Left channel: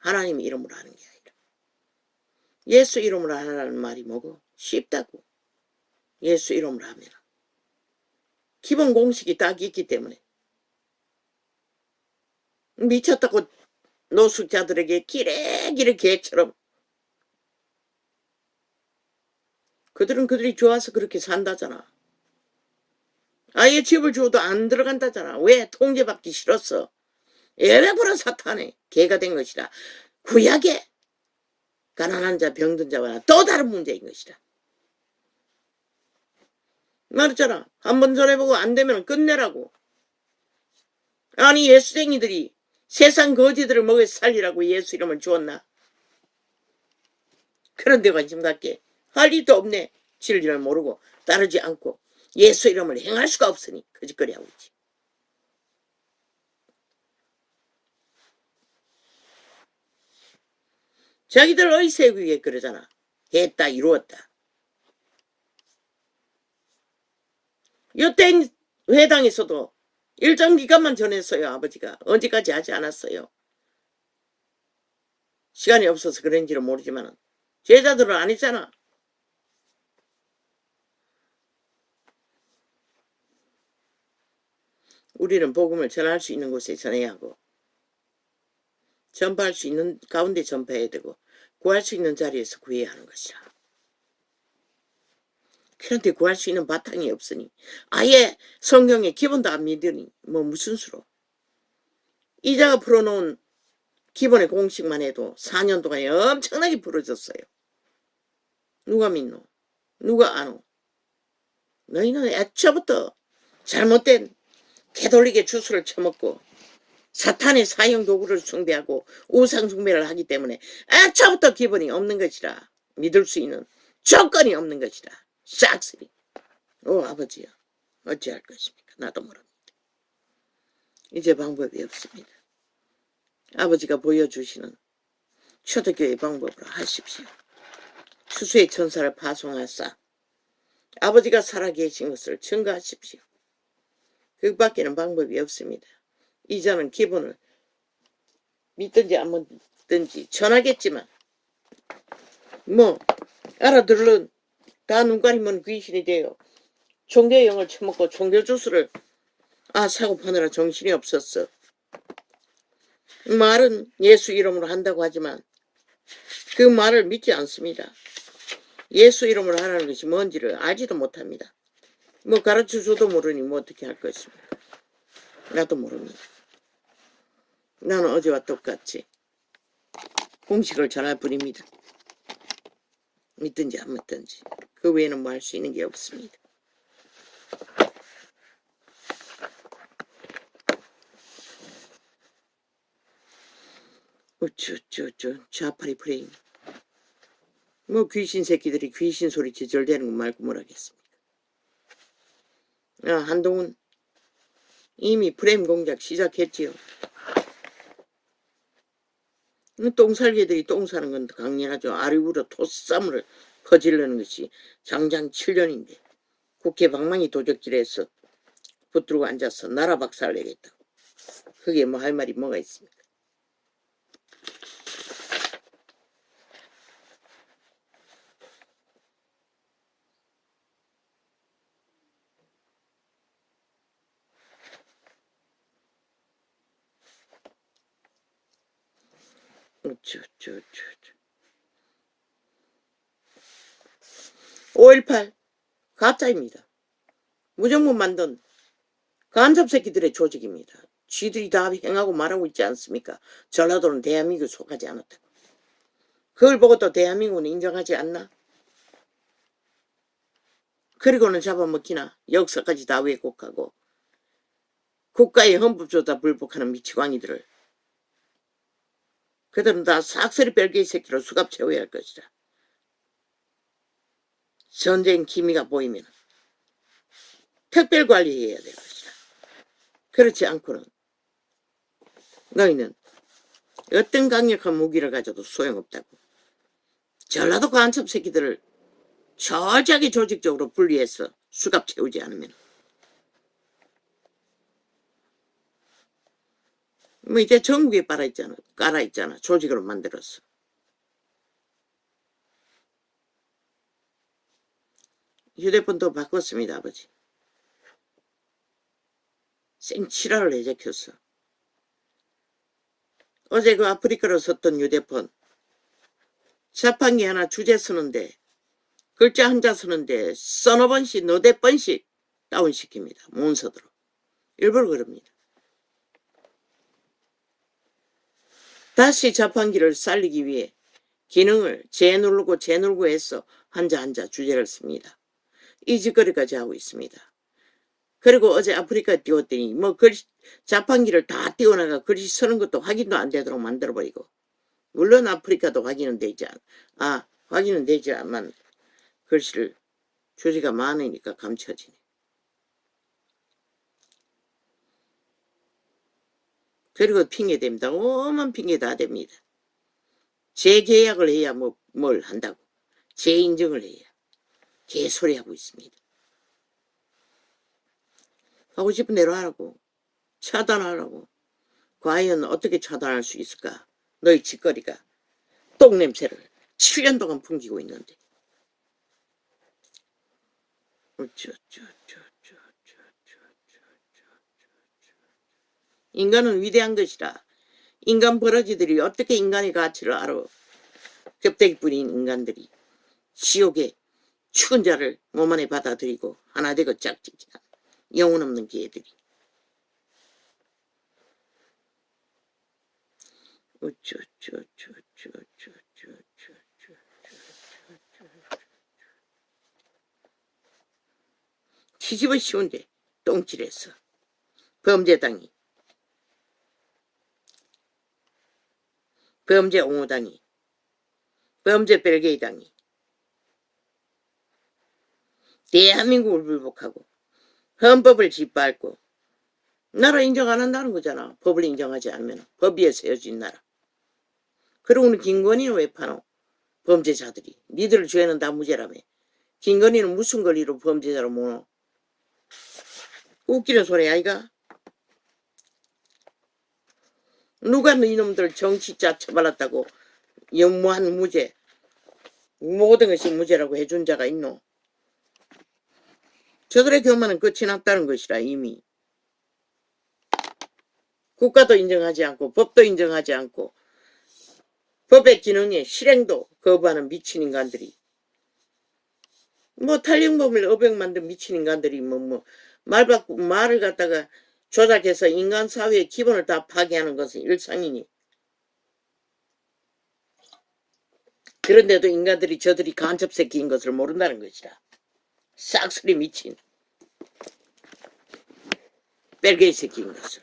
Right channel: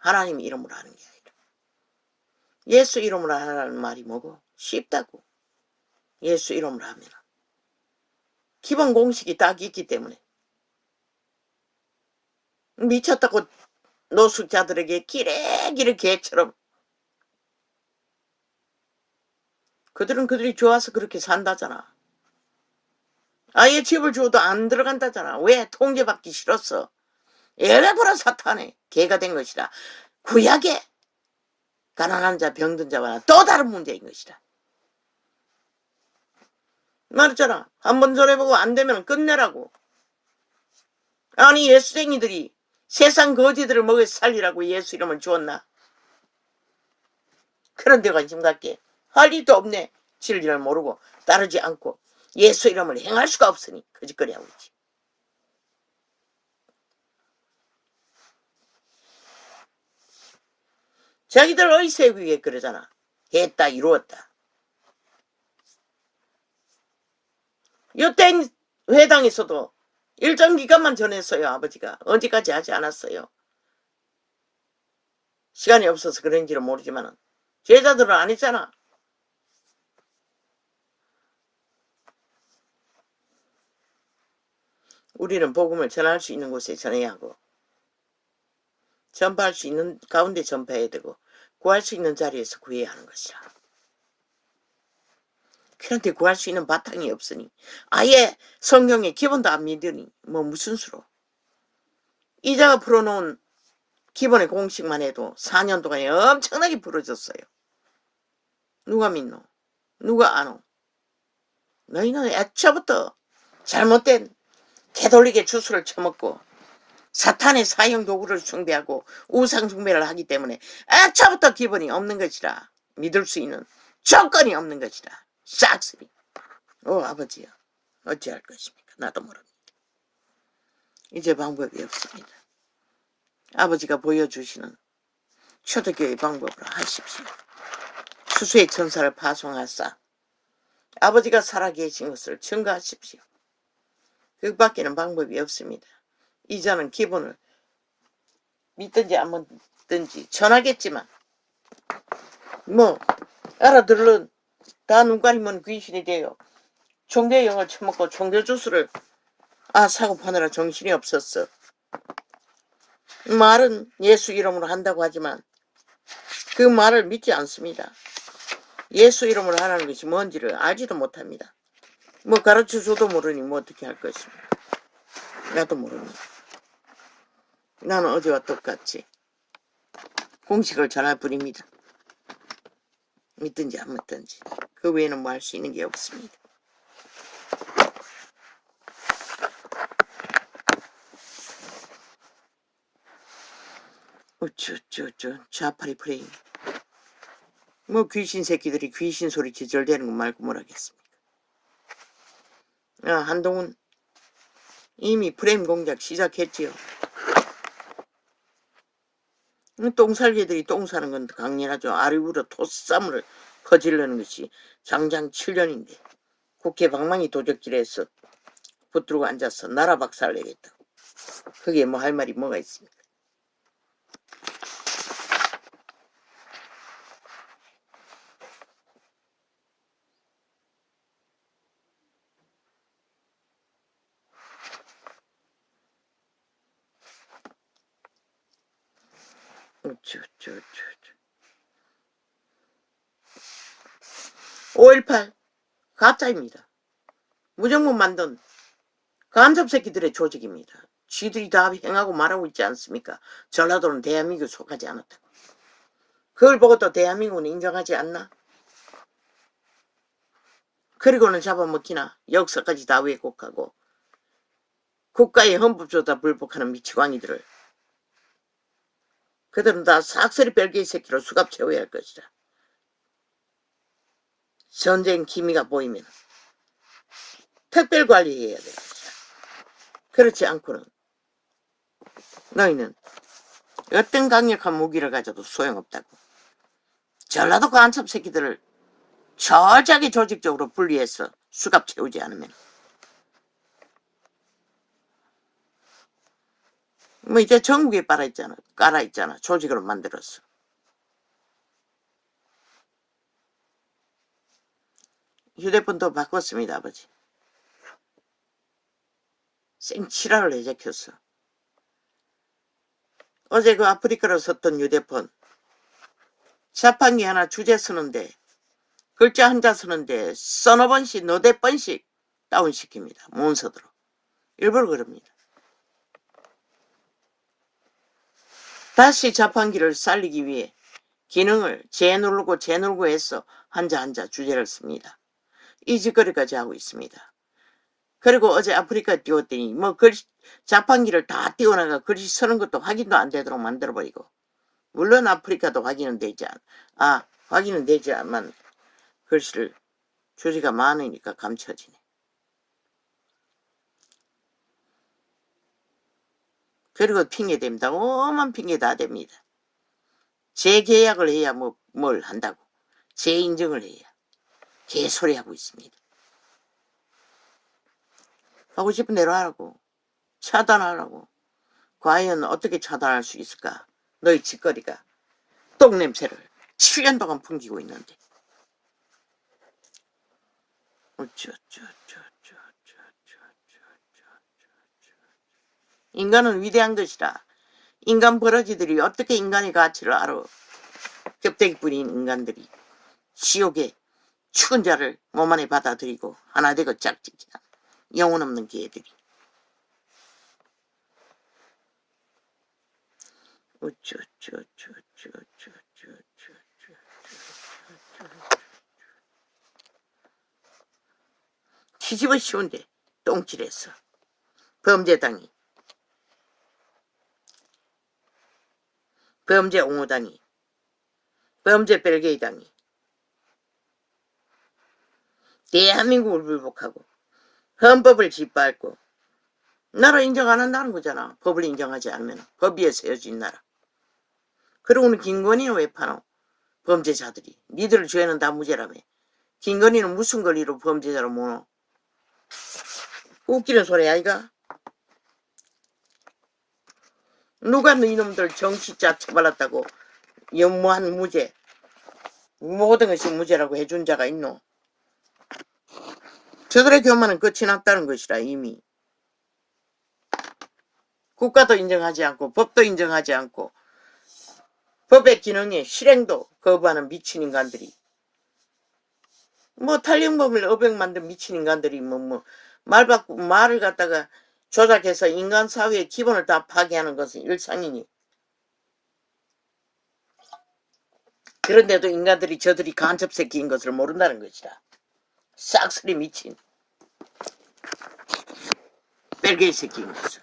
하나님 이름으로 하는 게 아니라. 예수 이름으로 하라는 말이 뭐고? 쉽다고. 예수 이름으로 하면. 기본 공식이 딱 있기 때문에. 미쳤다고 노숙자들에게 기레기를 개처럼. 그들은 그들이 좋아서 그렇게 산다잖아. 아예 집을 주어도 안 들어간다잖아. 왜? 통제받기 싫었어. 엘레브라 사탄의 개가 된 것이라. 구약의 가난한 자, 병든 자와 또 다른 문제인 것이라. 말했잖아. 한번 전해보고 안 되면 끝내라고. 아니 예수쟁이들이 세상 거지들을 먹여 살리라고 예수 이름을 주었나? 그런데 관심 갖게 할 일도 없네. 진리를 모르고 따르지 않고 예수 이름을 행할 수가 없으니 거짓거리하고 있지. 자기들 의세우기에 그러잖아. 했다 이루었다. 이때 회당에서도 일정 기간만 전했어요. 아버지가. 언제까지 하지 않았어요. 시간이 없어서 그런지는 모르지만 제자들은 안 했잖아. 우리는 복음을 전할 수 있는 곳에 전해야 하고 전파할 수 있는 가운데 전파해야 되고 구할 수 있는 자리에서 구해야 하는 것이라. 그런데 구할 수 있는 바탕이 없으니 아예 성경의 기본도 안 믿으니 뭐 무슨 수로. 이자가 풀어놓은 기본의 공식만 해도 4년 동안에 엄청나게 부러졌어요. 누가 믿노? 누가 아노? 너희는 애초부터 잘못된 개돌리게 주술을 쳐먹고 사탄의 사형 도구를 숭배하고 우상 숭배를 하기 때문에 애초부터 기본이 없는 것이라. 믿을 수 있는 조건이 없는 것이라. 싹쓸이. 아버지야 어찌할 것입니까? 나도 모릅니다. 이제 방법이 없습니다. 아버지가 보여주시는 초대교회 방법으로 하십시오. 수수의 천사를 파송하사 아버지가 살아계신 것을 증거하십시오. 그 밖에는 방법이 없습니다. 이자는 기본을 믿든지 안 믿든지 전하겠지만 뭐 알아들은 다 눈가리면 귀신이 돼요. 종교의 영을 처먹고 종교 주스를 사고 파느라 정신이 없었어. 말은 예수 이름으로 한다고 하지만 그 말을 믿지 않습니다. 예수 이름으로 하라는 것이 뭔지를 알지도 못합니다. 뭐 가르쳐줘도 모르니 뭐 어떻게 할 것입니까? 나도 모릅니다. 나는 어제와 똑같이 공식을 전할 뿐입니다. 믿든지 안 믿든지 그 외에는 뭐 할 수 있는 게 없습니다. 좌파리 프레임. 뭐 귀신 새끼들이 귀신 소리 지절대는 거 말고 뭘 하겠습니까? 한동훈 이미 프레임 공작 시작했지요. 똥살개들이 똥 사는 건 강렬하죠. 아리우로 토싸움을 퍼질르는 것이 장장 7년인데 국회 방망이 도적질해서 붙들고 앉아서 나라 박살 내겠다. 그게 뭐 할 말이 뭐가 있습니까? 어쩌. 5.18 가짜입니다. 무정부 만든 간섭 새끼들의 조직입니다. 쥐들이 다 행하고 말하고 있지 않습니까? 전라도는 대한민국에 속하지 않았다. 그걸 보고 또 대한민국은 인정하지 않나? 그리고는 잡아먹히나 역사까지 다 왜곡하고 국가의 헌법조차 불복하는 미치광이들을 그들은 다 싹쓸이 별개의 새끼로 수갑 채워야 할 것이다. 전쟁 기미가 보이면 특별 관리해야 될 것이다. 그렇지 않고는 너희는 어떤 강력한 무기를 가져도 소용없다고. 전라도 간첩 새끼들을 철저하게 조직적으로 분리해서 수갑 채우지 않으면 뭐 이제 전국에 깔아 있잖아. 조직으로 만들었어. 휴대폰도 바꿨습니다, 아버지. 생치라를 해적혔어. 어제 그 아프리카로 썼던 휴대폰 자판기 하나 주제 쓰는데 글자 한자 쓰는데 서너 번씩 너댓 번씩 다운시킵니다. 몬서드로. 일부러 그럽니다. 다시 자판기를 살리기 위해 기능을 재누르고 해서 한자 주제를 씁니다. 이 짓거리까지 하고 있습니다. 그리고 어제 아프리카 띄웠더니 뭐 자판기를 다 띄워나가 글씨 쓰는 것도 확인도 안 되도록 만들어버리고, 물론 아프리카도 확인은 되지만 글씨를 주제가 많으니까 감춰지네. 그리고 핑계댑니다. 오만 핑계 다 됩니다. 재계약을 해야 뭘 한다고. 재인증을 해야. 개소리 하고 있습니다. 하고 싶은 대로 하라고. 차단하라고. 과연 어떻게 차단할 수 있을까? 너희 짓거리가 똥냄새를 7년 동안 풍기고 있는데. 인간은 위대한 것이라. 인간 버러지들이 어떻게 인간의 가치를 알아. 껍데기뿐인 인간들이 지옥의 죽은 자를 몸 안에 받아들이고 하나 되고 짝짓기한 영혼 없는 개들이. 뒤집어 씌운데 똥칠했어. 범죄당이, 범죄 옹호당이, 범죄 벨게이당이 대한민국을 불복하고 헌법을 짓밟고 나라 인정 안 한다는 거잖아. 법을 인정하지 않으면. 법 위에 세워진 나라. 그러고는 김건희는 왜 파노? 범죄자들이. 니들 죄는 다 무죄라며. 김건희는 무슨 권리로 범죄자로 모노? 웃기는 소리 아이가? 누가 이놈들 정치자 처벌했다고 연무한 무죄, 모든 것이 무죄라고 해준 자가 있노? 저들의 교만은 끝이 났다는 것이라. 이미 국가도 인정하지 않고 법도 인정하지 않고 법의 기능의 실행도 거부하는 미친 인간들이, 탄력범을 어백 만든 미친 인간들이 말을 갖다가 조작해서 인간 사회의 기본을 다 파괴하는 것은 일상이니. 그런데도 인간들이 저들이 간첩 새끼인 것을 모른다는 것이다. 싹쓸이 미친 뺄개이 새끼인 것을.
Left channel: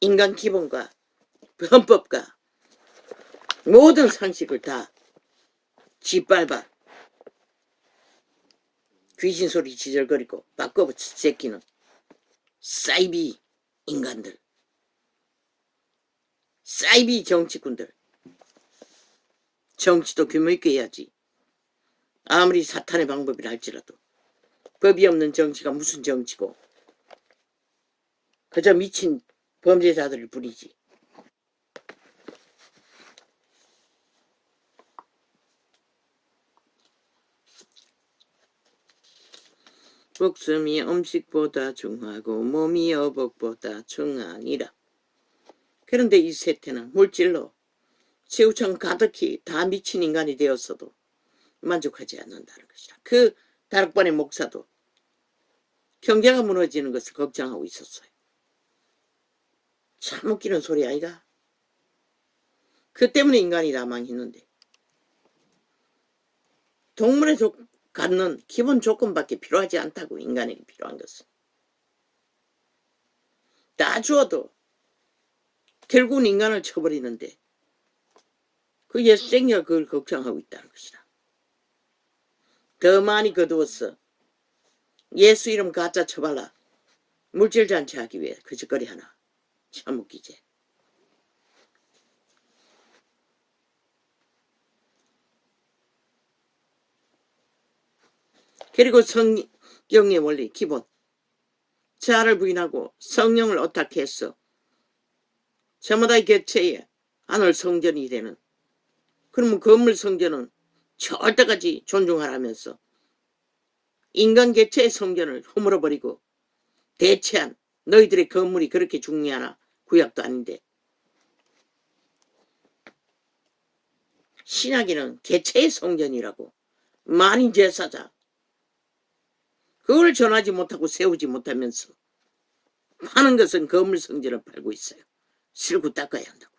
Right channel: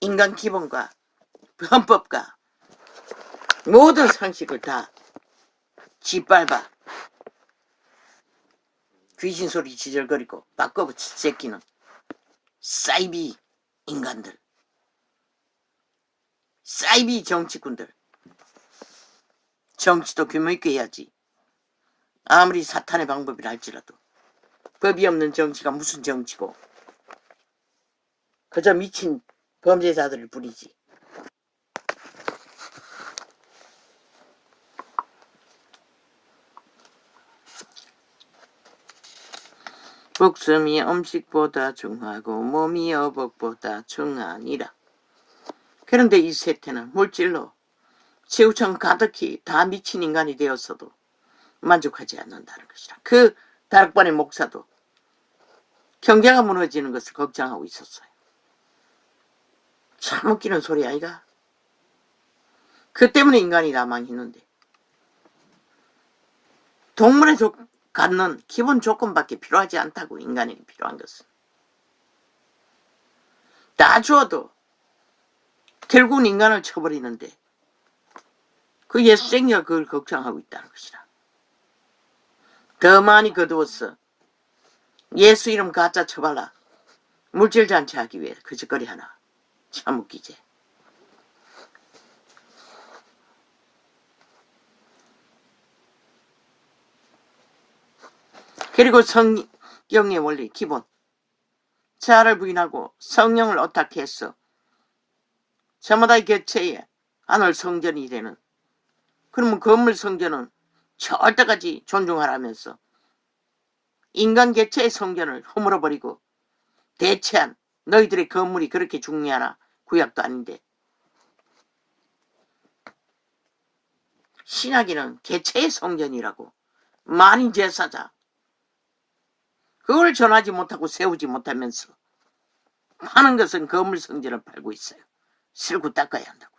인간 기본과 헌법과 모든 상식을 다 짓밟아 귀신소리 지절거리고 바꿔붙인 새끼는 사이비 인간들, 사이비 정치꾼들. 정치도 규모있게 해야지. 아무리 사탄의 방법이라 할지라도. 법이 없는 정치가 무슨 정치고. 그저 미친 범죄자들을 부리지. 목숨이 음식보다 중하고 몸이 어복보다 중하니라. 그런데 이 세태는 물질로 최우천 가득히 다 미친 인간이 되었어도 만족하지 않는다는 것이라. 그 다락방의 목사도 경제가 무너지는 것을 걱정하고 있었어요. 참 웃기는 소리 아이가? 그 때문에 인간이 다 망했는데. 동물에 갖는 기본 조건밖에 필요하지 않다고. 인간에게 필요한 것은 다 주어도 결국은 인간을 쳐버리는데 그 예수쟁이가 그걸 걱정하고 있다는 것이다. 더 많이 거두었어. 예수 이름 가짜 쳐발라. 물질 잔치하기 위해 그 짓거리 하나. 참 웃기지. 그리고 성경의 원리 기본. 자아를 부인하고 성령을 어떻게 했어? 저마다의 개체에 하늘 성전이 되는, 그러면 건물 성전은 절대까지 존중하라면서 인간 개체의 성전을 허물어버리고 대체한 너희들의 건물이 그렇게 중요하나? 구약도 아닌데. 신약에는 개체의 성전이라고, 만인 제사장, 그걸 전하지 못하고 세우지 못하면서 파는 것은 건물 성전을 팔고 있어요. 실고 닦아야 한다고.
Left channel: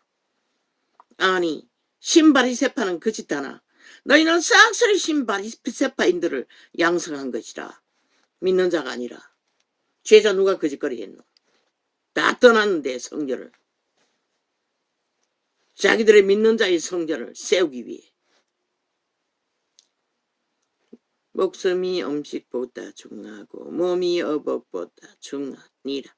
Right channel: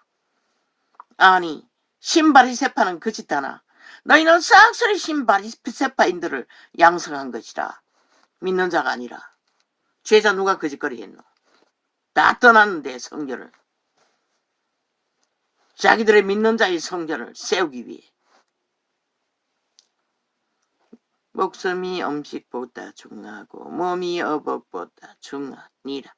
아니, 신바리새파는 그 짓 하나, 너희는 싹쓸이 신바리새파인들을 양성한 것이라. 믿는 자가 아니라. 죄자 누가 거짓거리 했노? 다 떠났는데 성전을. 자기들의 믿는 자의 성전을 세우기 위해. 목숨이 음식보다 중요하고 몸이 어복보다 중요하니라.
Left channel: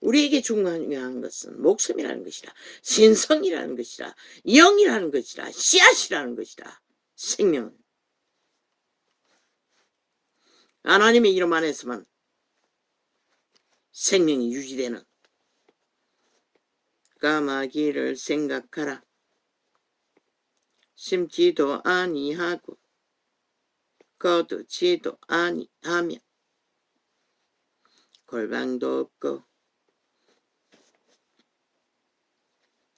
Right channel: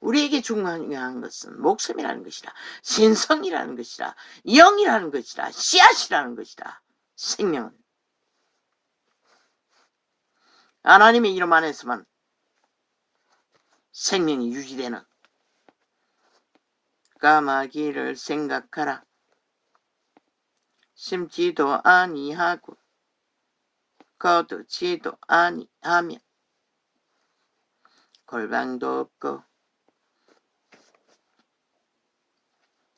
우리에게 중요한 것은 목숨이라는 것이라, 신성이라는 것이라, 영이라는 것이라, 씨앗이라는 것이라. 생명은 하나님의 이름 안에서만 생명이 유지되는. 까마귀를 생각하라. 심지도 아니하고 거두지도 아니하며 골방도 없고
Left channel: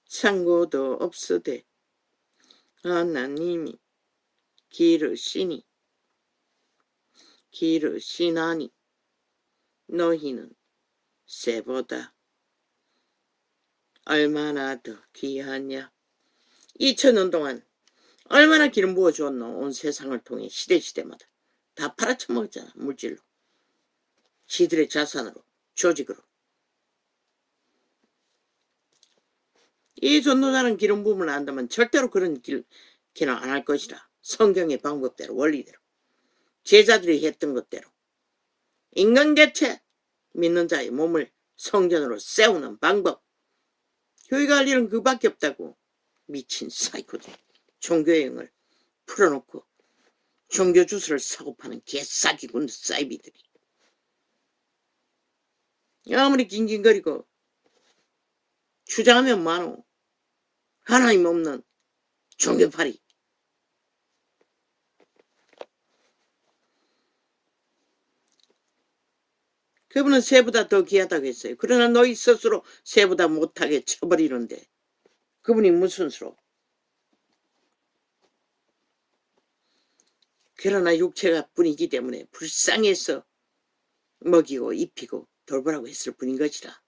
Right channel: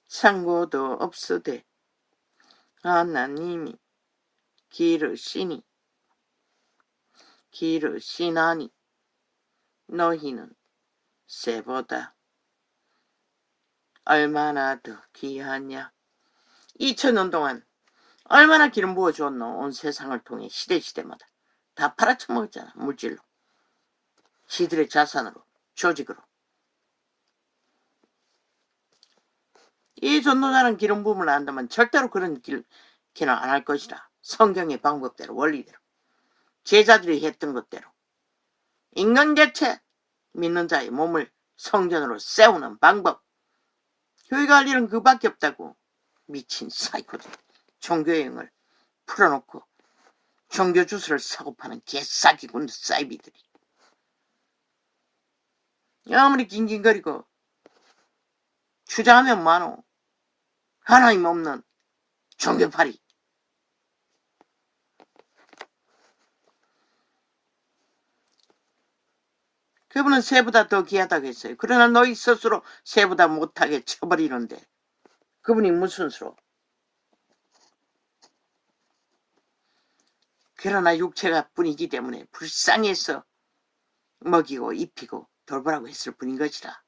창고도 없으되 하나님이 기르시나니 너희는 새보다 얼마나 더 귀하냐. 2000년 동안 얼마나 기름 부어주었노. 온 세상을 통해 시대마다 다 팔아쳐먹었잖아. 물질로, 지들의 자산으로, 조직으로. 이 전도자는 기름 부음을 안다면 절대로 그런 길은 안 할 것이라. 성경의 방법대로, 원리대로, 제자들이 했던 것대로 인간 개체 믿는 자의 몸을 성전으로 세우는 방법. 교회가 할 일은 그밖에 없다고. 미친 사이코들, 종교형을 풀어놓고 종교 주스를 사고 파는 개싸기군 사이비들이. 아무리 낑낑거리고 주장하면 많어. 하나님 없는 종교파리. 그분은 새보다 더 귀하다고 했어요. 그러나 너희 스스로 새보다 못하게 쳐버리는데 그분이 무슨 수로. 그러나 육체가 뿐이기 때문에 불쌍해서 먹이고 입히고 돌보라고 했을 뿐인 것이라.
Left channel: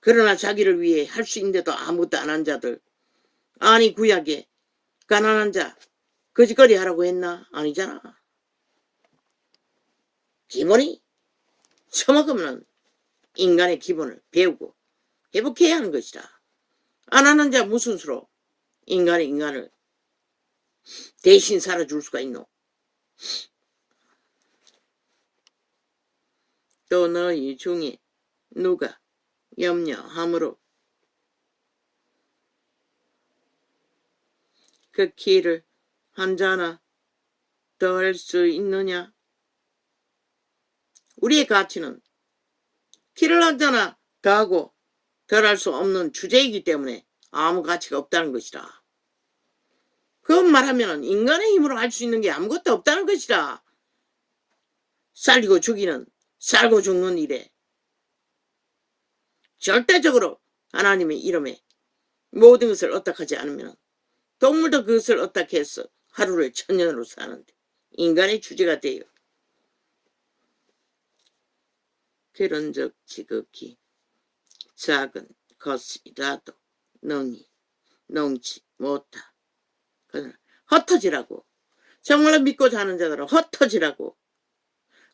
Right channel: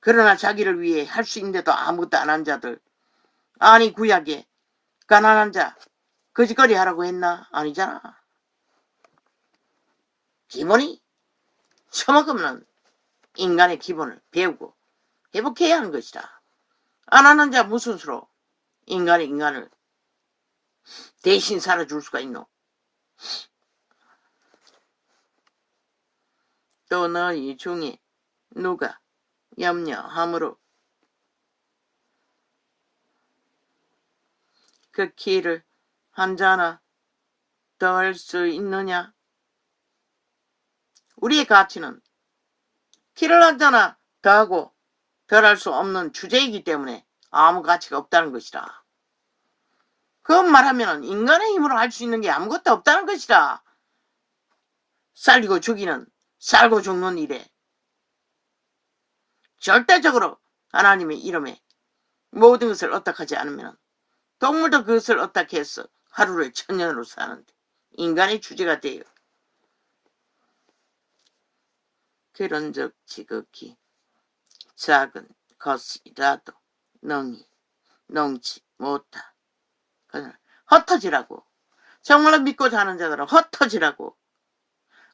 그러나 자기를 위해 할 수 있는데도 아무것도 안 한 자들, 아니 구약에 가난한 자 거짓거리 하라고 했나? 아니잖아. 기본이 처먹으면 인간의 기본을 배우고 회복해야 하는 것이라. 안 하는 자 무슨 수로 인간을 대신 살아줄 수가 있노? 또 너희 중에 누가 염려함으로 그 키를 한 자나 더 할 수 있느냐? 우리의 가치는 키를 한 자나 더 하고 덜 할 수 없는 주제이기 때문에 아무 가치가 없다는 것이라. 그건 말하면 인간의 힘으로 할 수 있는 게 아무것도 없다는 것이라. 살리고 죽이는, 살고 죽는 일에 절대적으로 하나님의 이름에 모든 것을 어떡하지 않으면 동물도 그것을 어떻게 해서 하루를 천년으로 사는데 인간의 주제가 돼요. 그런 적 지극히 작은 것이라도 농지 못하. 흩어지라고. 정말로 믿고 자는 자들은 흩어지라고.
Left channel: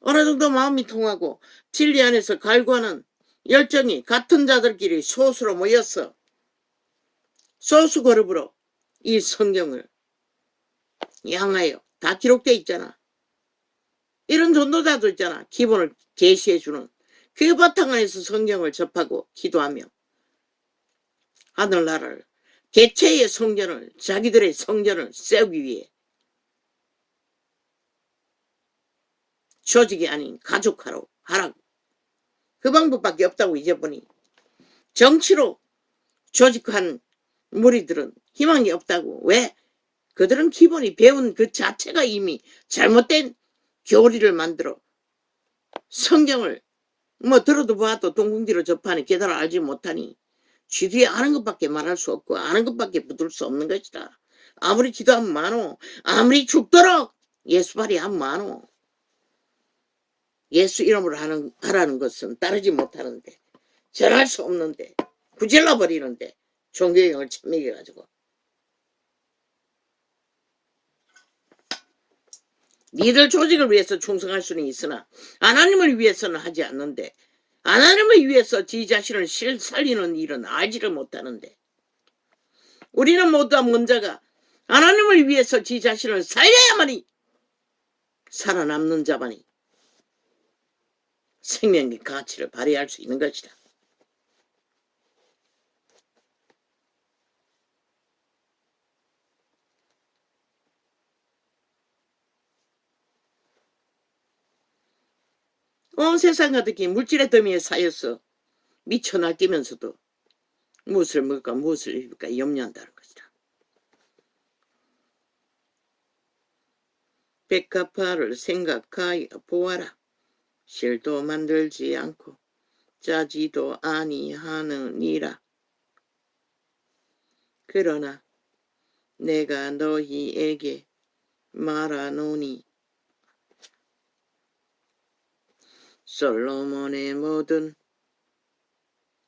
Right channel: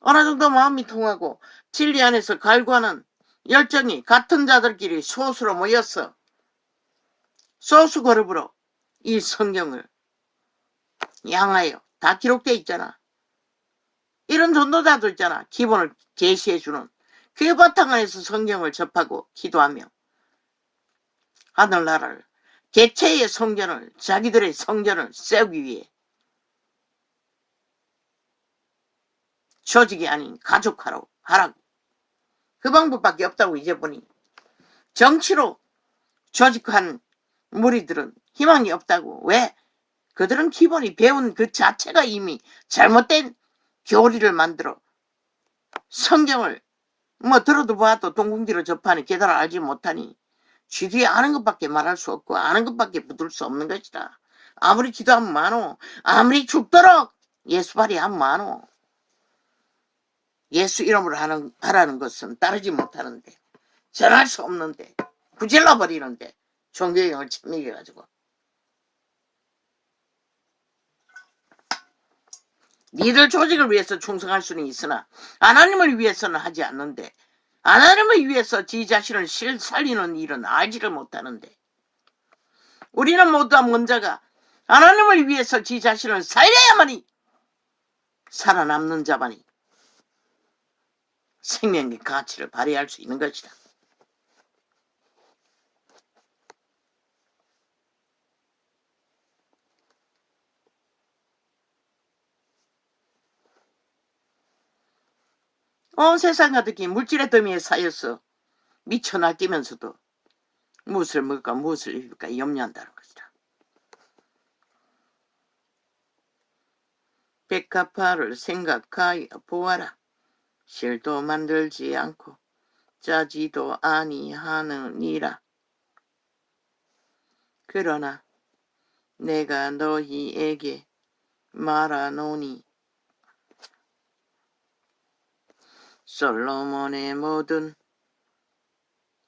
어느 정도 마음이 통하고 진리 안에서 갈구하는 열정이 같은 자들끼리 소수로 모였어. 소수 그룹으로 이 성경을 향하여 다 기록되어 있잖아. 이런 전도자도 있잖아. 기본을 계시해주는. 그 바탕 안에서 성경을 접하고 기도하며 하늘나라를, 개체의 성전을, 자기들의 성전을 세우기 위해 조직이 아닌 가족하라고 하라고. 그 방법밖에 없다고 이제 보니. 정치로 조직한 무리들은 희망이 없다고. 왜? 그들은 기본이 배운 그 자체가 이미 잘못된 교리를 만들어 성경을 뭐 들어도 봐도 동궁지로 접하니 깨달아 알지 못하니 쥐뒤에 아는 것밖에 말할 수 없고 아는 것밖에 붙을 수 없는 것이다. 아무리 기도하면 많어. 아무리 죽도록 예수발이 하면 많어. 예수 이름으로 하라는 것은 따르지 못하는데, 전할 수 없는데, 부질러버리는데 종교형을 침묵해가지고 니들 조직을 위해서 충성할 수는 있으나 하나님을 위해서는 하지 않는데, 하나님을 위해서 지 자신을 살리는 일은 알지를 못하는데, 우리는 모두 먼저가 하나님을 위해서 지 자신을 살려야만이 살아남는 자만이 생명의 가치를 발휘할 수 있는 것이다. 온 세상 가득히 물질의 더미에 쌓여서 미쳐 날뛰면서도 무엇을 먹을까 무엇을 입을까 염려한다는 것이다. 백합화를 생각하여 보아라. 실도 만들지 않고 짜지도 아니하느니라. 그러나 내가 너희에게 말하노니 솔로몬의 모든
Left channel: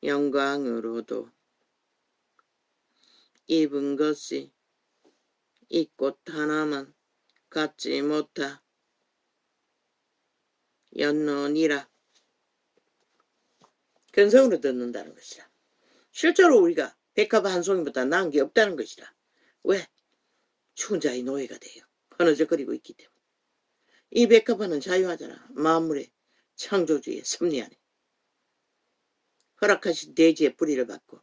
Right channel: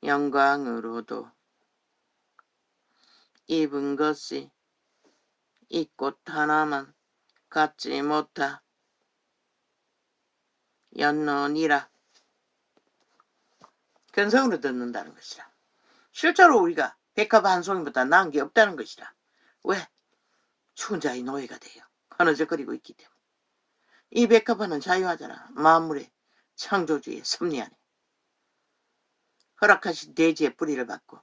영광으로도 입은 것이 이 꽃 하나만 갖지 못하였느니라. 근성으로 듣는다는 것이다. 실제로 우리가 백합 한 송이보다 나은 게 없다는 것이다. 왜? 죽은 자의 노예가 돼요. 흐느적거리고 있기 때문에. 이 백합화는 자유하잖아. 만물의 창조주의 섭리 안에 허락하신 대지의 뿌리를 받고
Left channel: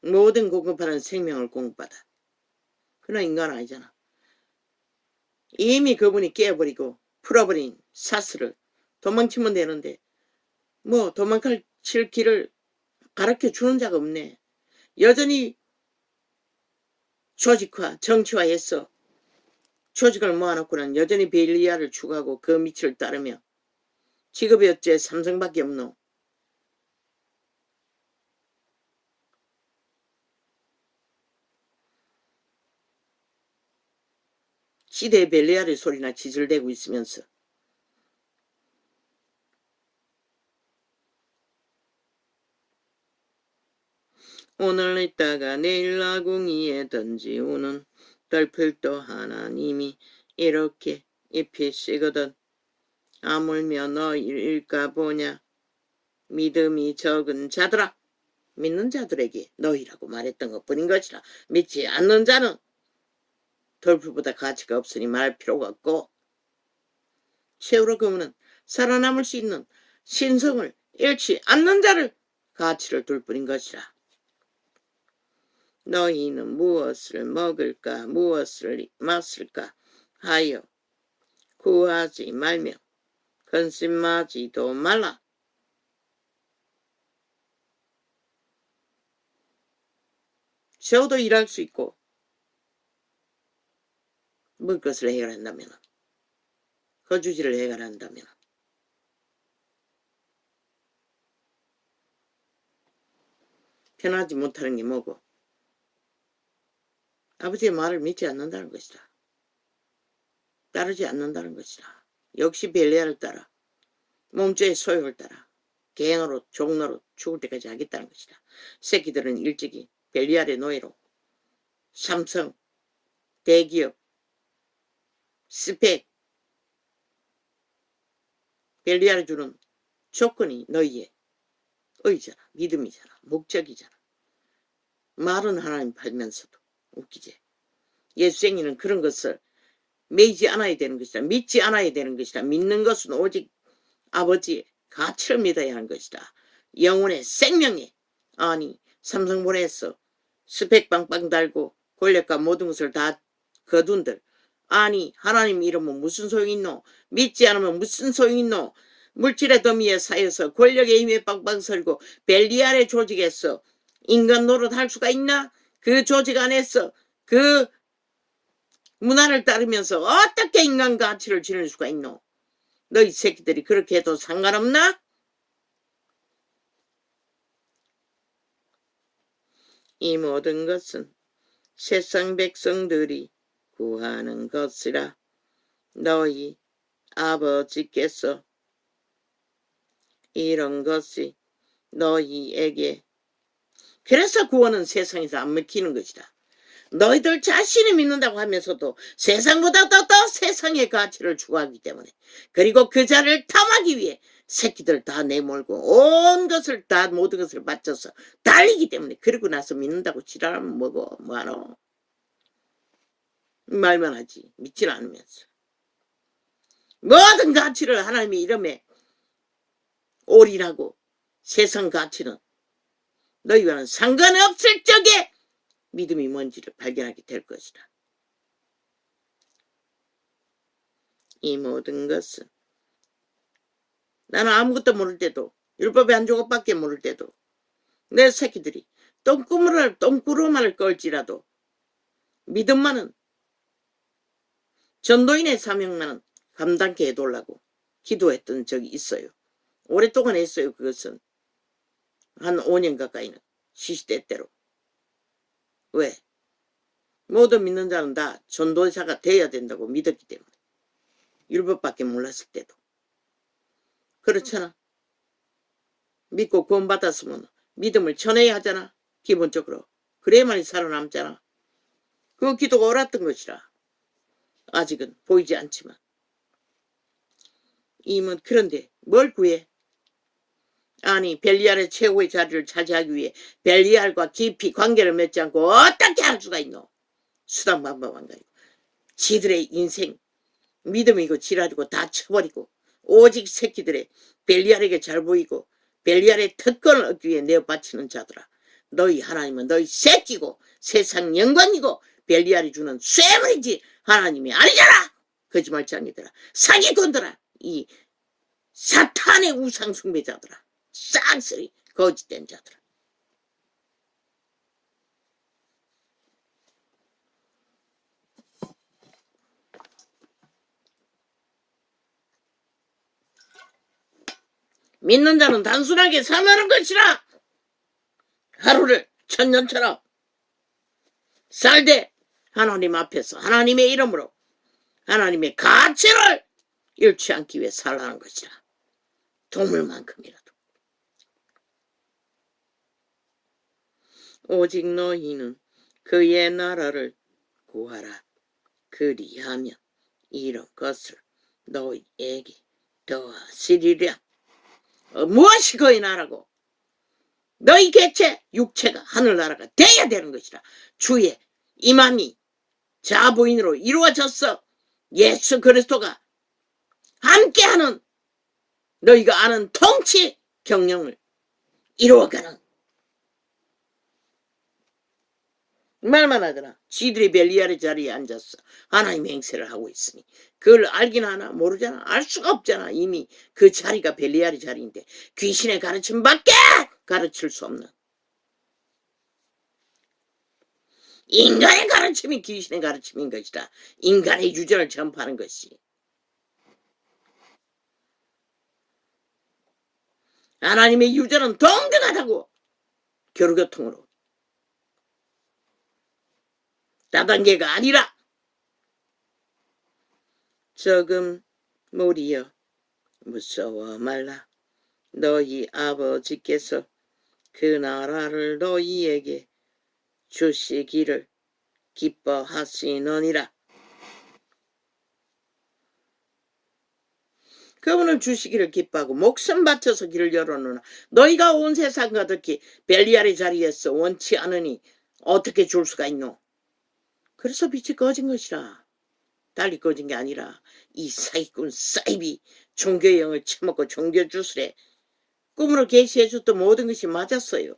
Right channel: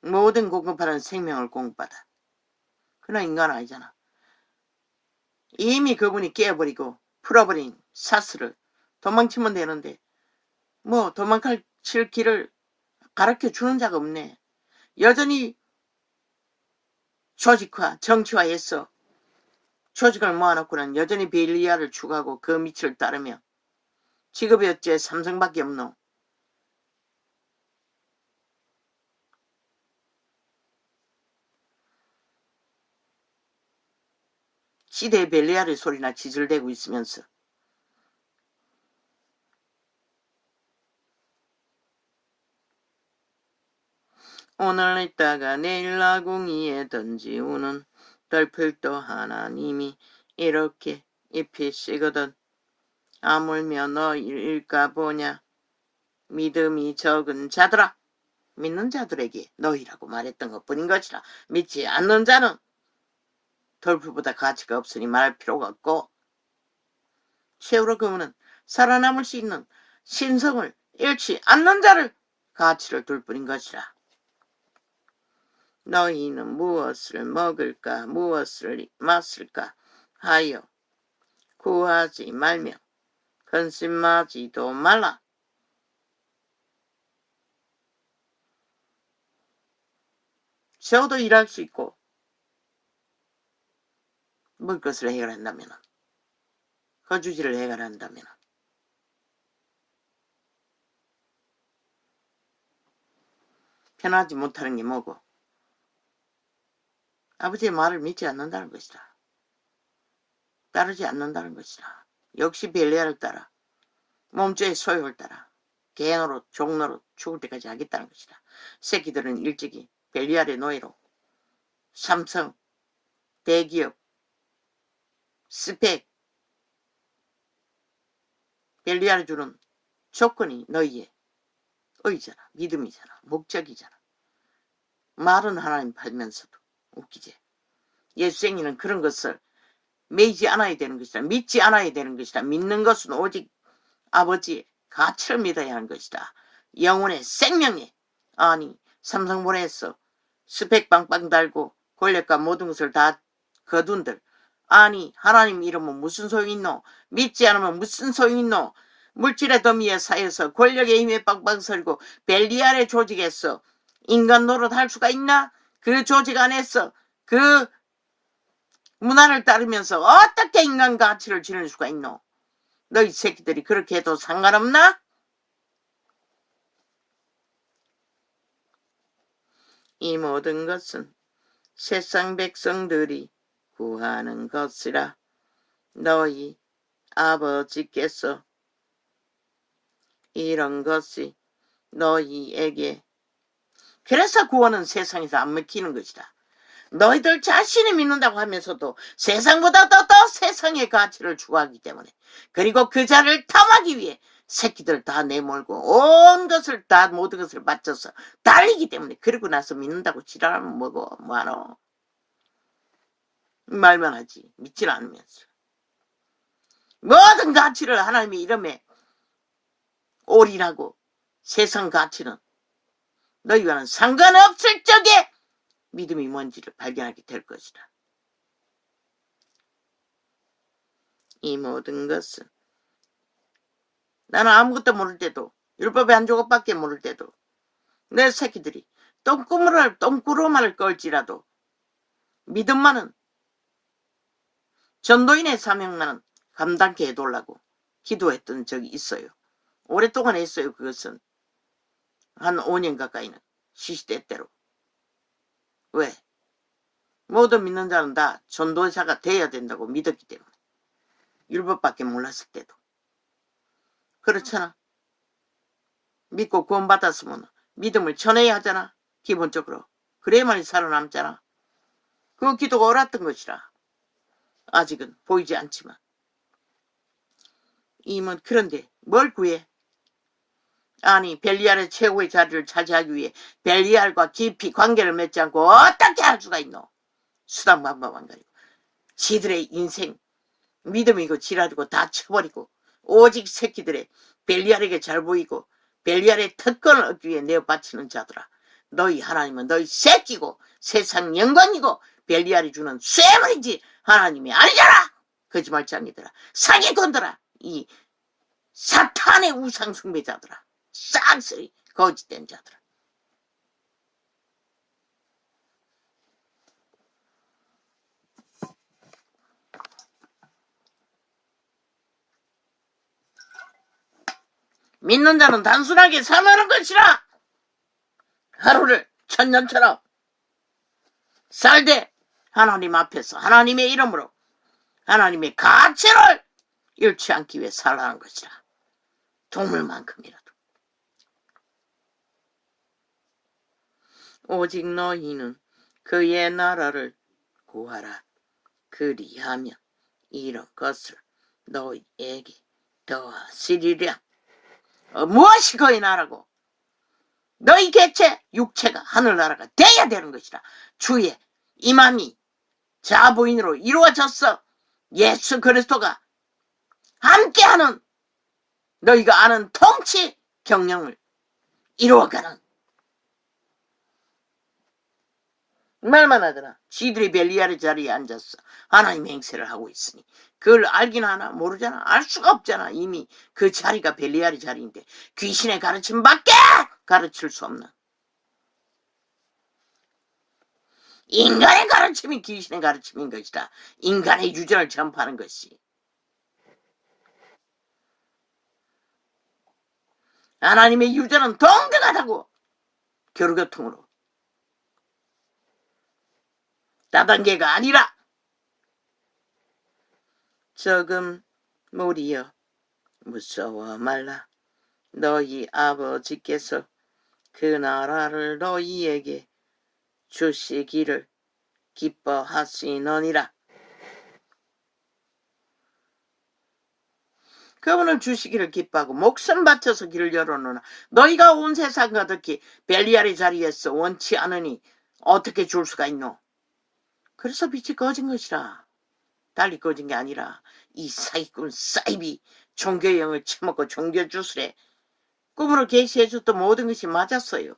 모든 공급하는 생명을 공급받아. 그러나 인간은 아니잖아. 이미 그분이 깨어버리고 풀어버린 사슬을 도망치면 되는데 뭐 도망칠 길을 가르쳐주는 자가 없네. 여전히 조직화, 정치화해서 조직을 모아놓고는 여전히 벨리아를 추구하고 그 밑을 따르며 직업이 어째 삼성밖에 없노. 시대의 벨리아의 소리나 지질대고 있으면서 오늘 있다가 내일 아궁이에 던지우는 덜풀도 하나님이 이렇게 입히시거든. 아물며 너일까 보냐. 믿음이 적은 자들아. 믿는 자들에게 너희라고 말했던 것뿐인 것이라. 믿지 않는 자는 덜풀보다 가치가 없으니 말할 필요가 없고, 세우로 그분은 살아남을 수 있는 신성을 잃지 않는 자를 가치를 둘 뿐인 것이라. 너희는 무엇을 먹을까 무엇을 마실까 하여 구하지 말며 근심하지도 말라. 세우도 일할 수 있고 먹을 것을 해결한다면, 거주지를 해결한다면 편하지 못하는 게 뭐고? 아버지의 말을 믿지 않는다는 것이다. 따르지 않는다는 것이다. 역시 벨리아를 따라 몸죄의 소욕을 따라 개노릇 종노릇 죽을 때까지 하겠다는 것이다. 새끼들은 일찍이 벨리알의 노예로 삼성, 대기업, 스펙, 벨리알이 주는 조건이 너희의 의잖아, 믿음이잖아, 목적이잖아. 말은 하나님 팔면서도 웃기지. 예수쟁이는 그런 것을 매이지 않아야 되는 것이다. 믿지 않아야 되는 것이다. 믿는 것은 오직 아버지의 가치를 믿어야 하는 것이다. 영혼의 생명에, 아니 삼성본에서 스펙 빵빵 달고 권력과 모든 것을 다 거둔들, 아니 하나님 이름은 무슨 소용이 있노? 믿지 않으면 무슨 소용이 있노? 물질의 더미에 쌓여서 권력의 힘에 빵빵 설고 벨리알의 조직에서 인간 노릇할 수가 있나? 그 조직 안에서 그 문화를 따르면서 어떻게 인간 가치를 지닐 수가 있노? 너희 새끼들이 그렇게 해도 상관없나? 이 모든 것은 세상 백성들이 구하는 것이라 너희 아버지께서 이런 것이 너희에게 그래서 구원은 세상에서 안 먹히는 것이다. 너희들 자신이 믿는다고 하면서도 세상보다 더 세상의 가치를 추구하기 때문에 그리고 그 자를 탐하기 위해 새끼들 다 내몰고 온 것을 다 모든 것을 바쳐서 달리기 때문에 그러고 나서 믿는다고 지랄하면 뭐하노? 말만 하지 믿질 않으면서 모든 가치를 하나님의 이름에 올인하고 세상 가치는 너희와는 상관없을 적에 믿음이 뭔지를 발견하게 될 것이다. 이 모든 것은 나는 아무것도 모를 때도 율법의 한 조각밖에 모를 때도 내 새끼들이 똥구르마를 끌지라도 믿음만은 전도인의 사명만은 감당케 해달라고 기도했던 적이 있어요. 오랫동안 했어요. 그것은 한 5년 가까이는 시시때때로. 왜? 모든 믿는 자는 다 전도사가 돼야 된다고 믿었기 때문에 율법밖에 몰랐을 때도 그렇잖아. 믿고 구원받았으면 믿음을 전해야 하잖아. 기본적으로. 그래야만이 살아남잖아. 그 기도가 옳았던 것이라. 아직은 보이지 않지만 이면 그런데 뭘 구해? 아니 벨리알의 최고의 자리를 차지하기 위해 벨리알과 깊이 관계를 맺지 않고 어떻게 할 수가 있노? 수단방법만 가지고 지들의 인생 믿음이고 지랄이고 다 쳐버리고 오직 새끼들의 벨리알에게 잘 보이고 벨리알의 특권을 얻기 위해 내어 바치는 자들아. 너희 하나님은 너희 새끼고 세상 영광이고 벨리알이 주는 쇠물이지 하나님이 아니잖아. 거짓말쟁이들아. 사기꾼들아. 이 사탄의 우상 숭배자들아. 쌍쓰리 거짓된 자들아. 믿는 자는 단순하게 살아가는 것이라. 하루를 천년처럼 살되 하나님 앞에서 하나님의 이름으로 하나님의 가치를 잃지 않기 위해 살아가는 것이라. 동물만큼이라도. 오직 너희는 그의 나라를 구하라. 그리하면 이런 것을 너희에게 더하시리라. 무엇이 그의 나라고? 너희 개체 육체가 하늘나라가 돼야 되는 것이라. 주의 임함이 자부인으로 이루어졌어. 예수 그리스도가 함께하는 너희가 아는 통치 경영을 이루어가는. 말만 하더라. 지들이 벨리알의 자리에 앉았어. 하나님의 행세를 하고 있으니 그걸 알긴 하나? 모르잖아. 알 수가 없잖아. 이미 그 자리가 벨리알의 자리인데 귀신의 가르침밖에 가르칠 수 없는 인간의 가르침이 귀신의 가르침인 것이다. 인간의 유전을 전파하는 것이. 하나님의 유전은 동등하다고. 교류교통으로. 다단계가 아니라. 조금 무리여 무서워 말라. 너희 아버지께서 그 나라를 너희에게 주시기를 기뻐하시느니라. 그분을 주시기를 기뻐하고 목숨 바쳐서 길을 열어놓으나 너희가 온 세상 가득히 벨리알의 자리에서 원치 않으니 어떻게 줄 수가 있노? 그래서 빛이 꺼진 것이라. 달리 꺼진 게 아니라 이 사기꾼 사이비 종교의 영을 처먹고 종교 주술에 꿈으로 계시해줬던 모든 것이 맞았어요.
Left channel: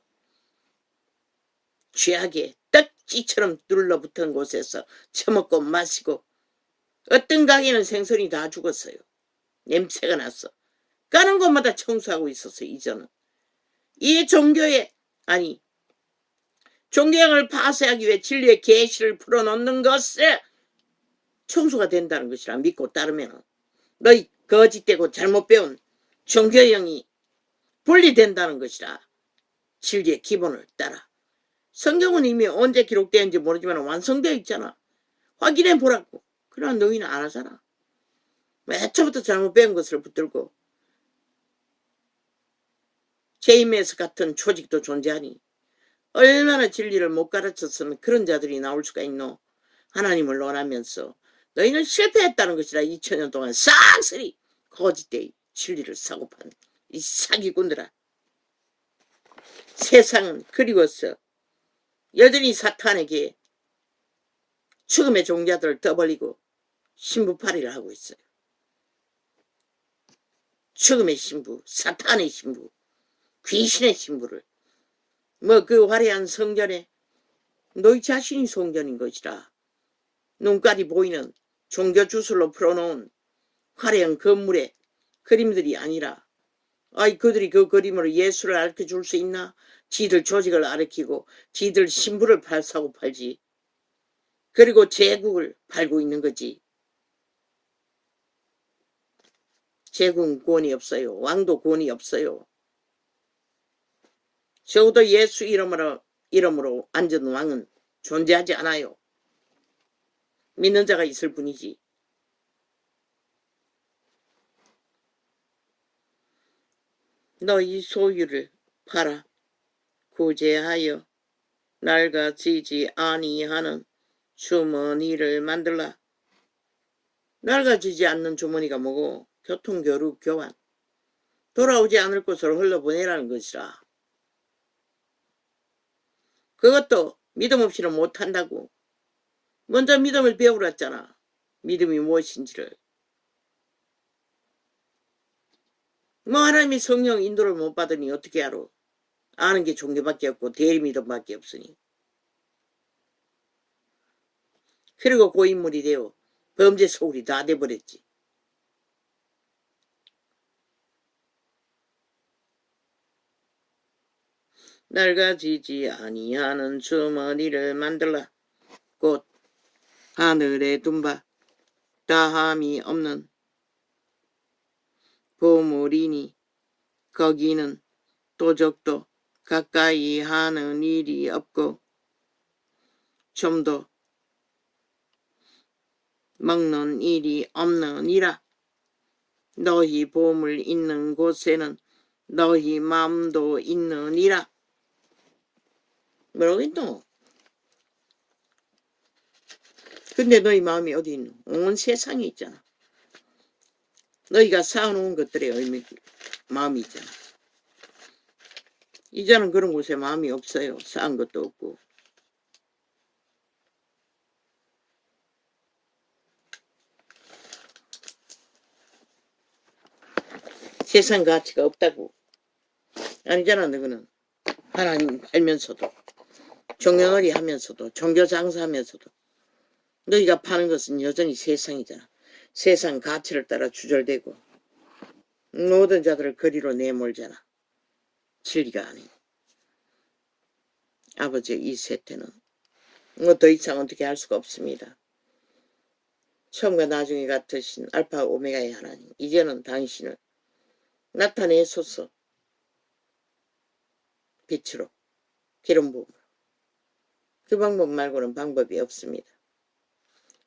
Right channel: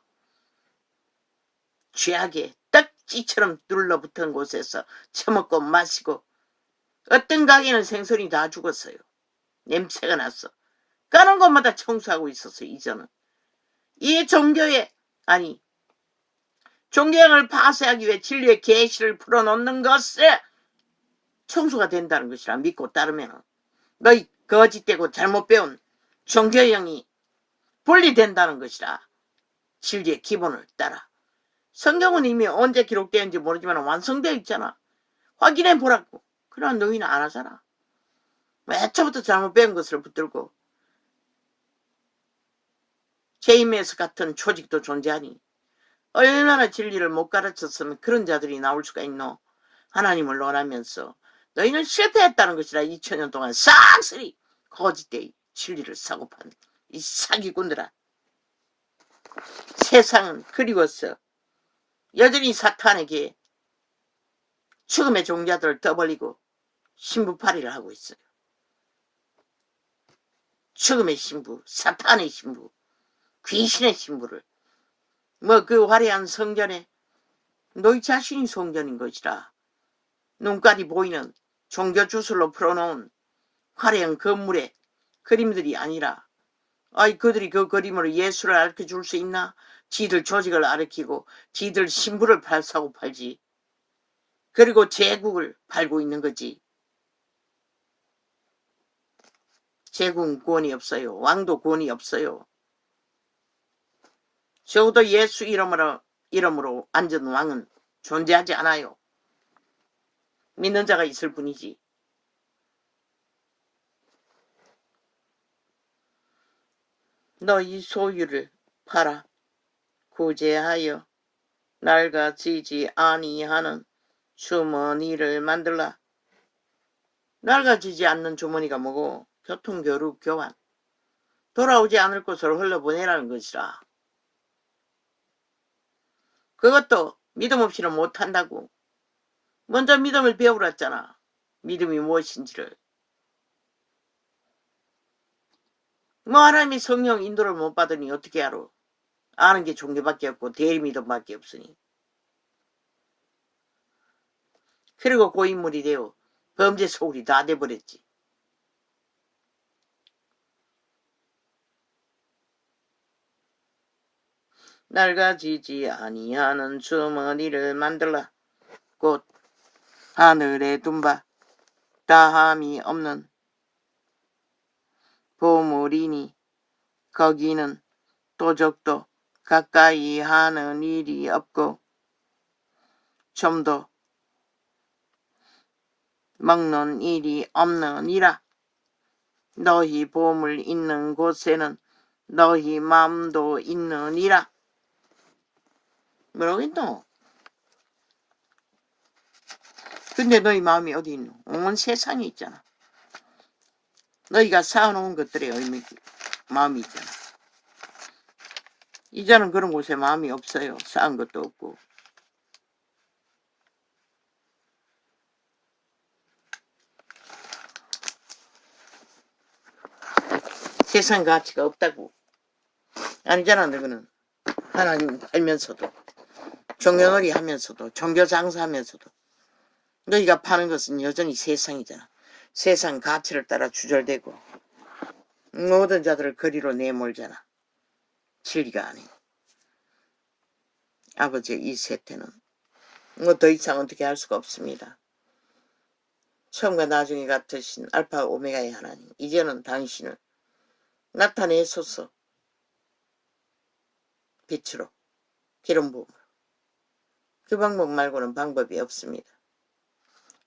죄악에 떡지처럼 눌러붙은 곳에서 처먹고 마시고 어떤 가게는 생선이 다 죽었어요. 냄새가 났어. 가는 곳마다 청소하고 있었어요. 이전은 이 종교의 종교형을 파쇄하기 위해 진리의 계시를 풀어놓는 것을 청소가 된다는 것이라 믿고 따르면 너희 거짓되고 잘못 배운 종교형이 분리된다는 것이라. 진리의 기본을 따라. 성경은 이미 언제 기록되었는지 모르지만 완성되어 있잖아. 확인해 보라고. 그러나 너희는 안 하잖아. 애초부터 잘못 배운 것을 붙들고 제이메스 같은 조직도 존재하니 얼마나 진리를 못 가르쳤으면 그런 자들이 나올 수가 있노. 하나님을 논하면서 너희는 실패했다는 것이라. 2000년 동안 싹쓸이 거짓되이 진리를 사고 판 이 사기꾼들아. 세상은 그리워서 여전히 사탄에게 죽음의 종자들을 떠벌리고 신부팔이를 하고 있어요. 죽음의 신부, 사탄의 신부, 귀신의 신부를 그 화려한 성전에 너희 자신이 성전인 것이라. 눈깔이 보이는 종교 주술로 풀어놓은 화려한 건물의 그림들이 아니라 그들이 그 그림으로 예수를 가르쳐줄 수 있나? 지들 조직을 가르치고 지들 신부를 사고 팔지. 그리고 제국을 팔고 있는 거지. 제국은 권위 없어요. 왕도 권위 없어요. 적어도 예수 이름으로 앉은 왕은 존재하지 않아요. 믿는 자가 있을 뿐이지. 너희 소유를 팔아 구제하여 낡아지지 아니하는 주머니를 만들라. 낡아지지 않는 주머니가 뭐고? 교통교류 교환. 돌아오지 않을 곳으로 흘려보내라는 것이라. 그것도 믿음 없이는 못한다고. 먼저 믿음을 배우랬잖아. 믿음이 무엇인지를. 하나님이 성령 인도를 못 받으니 어떻게 알아? 아는 게 종교밖에 없고 대리믿음밖에 없으니. 그리고 고인물이 되어 범죄 소굴이 다 돼버렸지. 낡아지지 아니하는 주머니를 만들라. 곧 하늘에 둔 바 다함이 없는 보물이니 거기는 도적도 가까이 하는 일이 없고 좀도 먹는 일이 없느니라. 너희 보물 있는 곳에는 너희 마음도 있느니라. 뭐라고 했노? 근데 너희 마음이 어디 있노? 온 세상에 있잖아. 너희가 쌓아놓은 것들의 마음이 있잖아. 이제는 그런 곳에 마음이 없어요. 쌓은 것도 없고. 세상 가치가 없다고. 아니잖아. 너희는 하나님 알면서도 종교놀이 하면서도 종교 장사하면서도 너희가 파는 것은 여전히 세상이잖아. 세상 가치를 따라 주절되고 모든 자들을 거리로 내몰잖아. 진리가 아닌. 아버지의 이 세태는 더 이상 어떻게 할 수가 없습니다. 처음과 나중에 같으신 알파 오메가의 하나님, 이제는 당신을 나타내소서. 빛으로, 기름 부음으로. 그 방법 말고는 방법이 없습니다.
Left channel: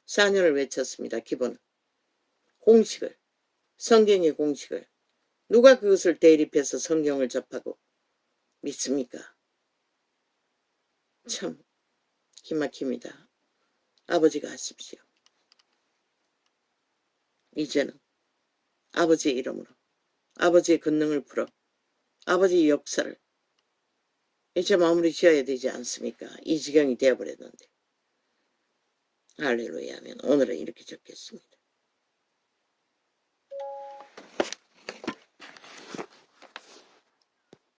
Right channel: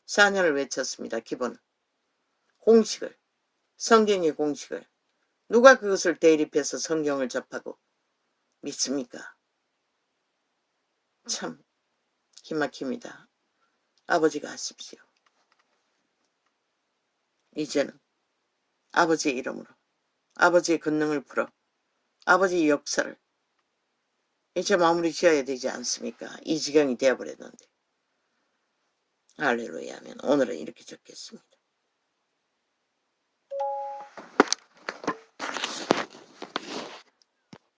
4년을 외쳤습니다. 기본 공식을, 성경의 공식을. 누가 그것을 대립해서 성경을 접하고 믿습니까? 참 기막힙니다. 아버지가 하십시오. 이제는 아버지의 이름으로 아버지의 권능을 풀어 아버지의 역사를 이제 마무리 지어야 되지 않습니까? 이 지경이 되어버렸는데. 할렐루야 하면 오늘은 이렇게 적겠습니다.